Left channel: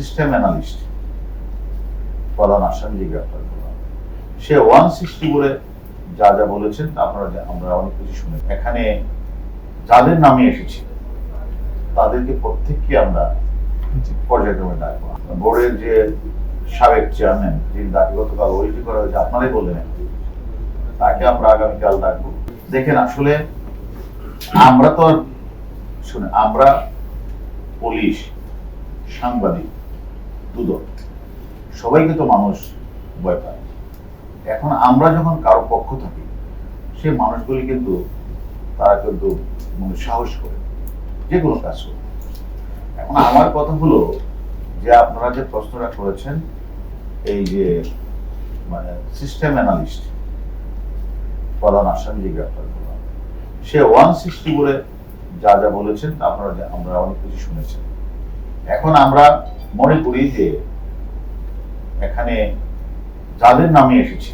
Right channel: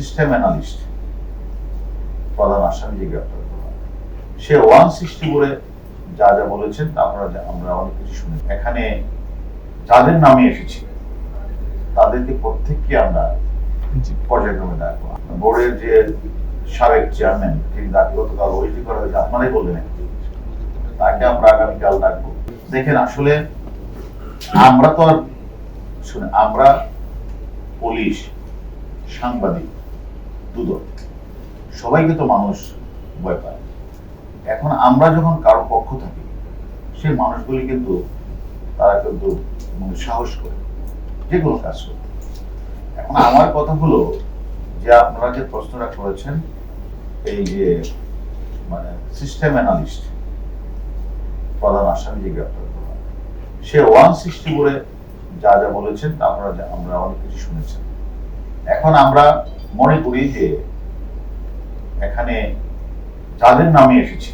System analyst প্রধান আসামিকে গ্রেপ্তার করা। সে 160 বলে যা যা বলেছেন তা আমরা অনেক কিছু শুনি। এখানে যাদের নামে এসেছে তাদেরকে প্রত্যেককে আমরা পর্যায়ক্রমে ডাকবো। বোর্ডের যে সাবেক চেয়ারম্যান যিনি দাবি গতকাল ওইটি করা হয়েছে আপনারাই বললেন, তাকে আমরা আগামীকাল ডাকবো। দেখেন আসলে আমরা তো শুনে আমরা পুলিশ, সাংবাদিক, দুদক সবাইকে তো মানুষ ভয় পায়। এখন আমরা যখন কারো পক্ষ থাকি সেই মানুষগুলি কিন্তু তারা কিন্তু সাহস করে যে কোনো কাজ করতে। এখন আমার কথা হলো যে আপনারা যে প্রশ্নটা করেছেন এই যে মানে সিস্টেম অ্যানালিস্ট প্রধান আসামিকে গ্রেপ্তার করা, সে 160 বলে যা যা বলেছেন তা আমরা অনেক কিছু শুনেছি। এখন আমরা মনে করি যে এখানে যাদের নামে এসেছে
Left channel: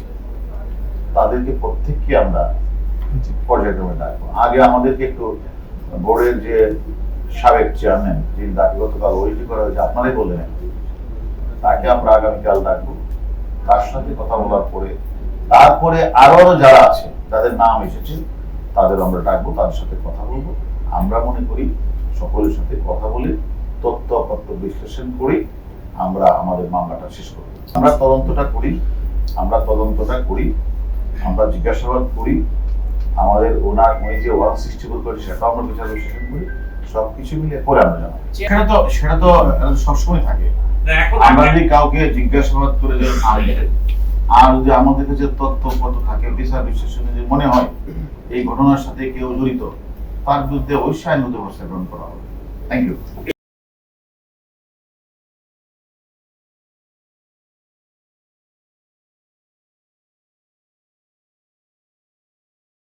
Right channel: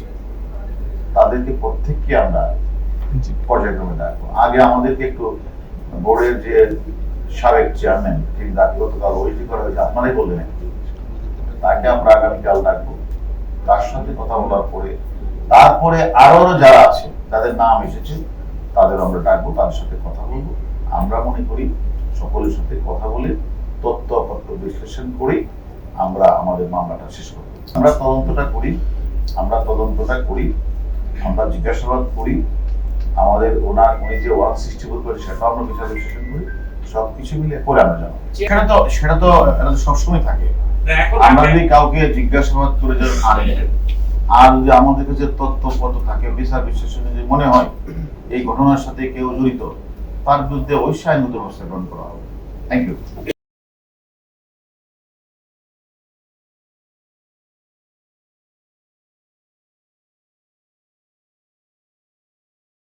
তাদেরকে প্রত্যেককে আমরা পর্যায়ক্রমে ডাকবো। আগে আমাদেরকে একটু বোর্ডের যে সাবেক চেয়ারম্যান যিনি দাবি গতকাল ওইটি করা হয়েছে আপনারাই বললেন, তাকে আমরা আগামীকাল ডাকবো। তার সাথে কথা বলার পরে তারপরে আরো যারা আছে যাদের নাম এসেছে তাদের আমরা ডাকবো, তাদের সাথে কথা বলবো। আমরা মনে করি সকলের সাথে কথা বলে তথ্যপত্র বিশ্লেষণ করি আমরা আমাদের মামলাটা শেষ করব। আমরা তদন্তটা করি, আমরা জিজ্ঞাসাবাদ করি, আমাদের ওনার যে 160 করে সেটা আমরা বিচার বিশ্লেষণ করি, সবকিছু মিলে পরে আমরা জানাবো। সেটা তো সবসময় থাকে। আমরা যদি কাউকে জিজ্ঞাসাবাদ করে যদি আর যদি আমাদের কাছে তথ্যপত্র থাকে বিচার বিশ্লেষণে যদি মনে হয় এই ঘটনার সাথে কেউ জড়িত, তার বিরুদ্ধে অবশ্যই আইনগত ব্যবস্থা গ্রহণ করা হবে। Thank you.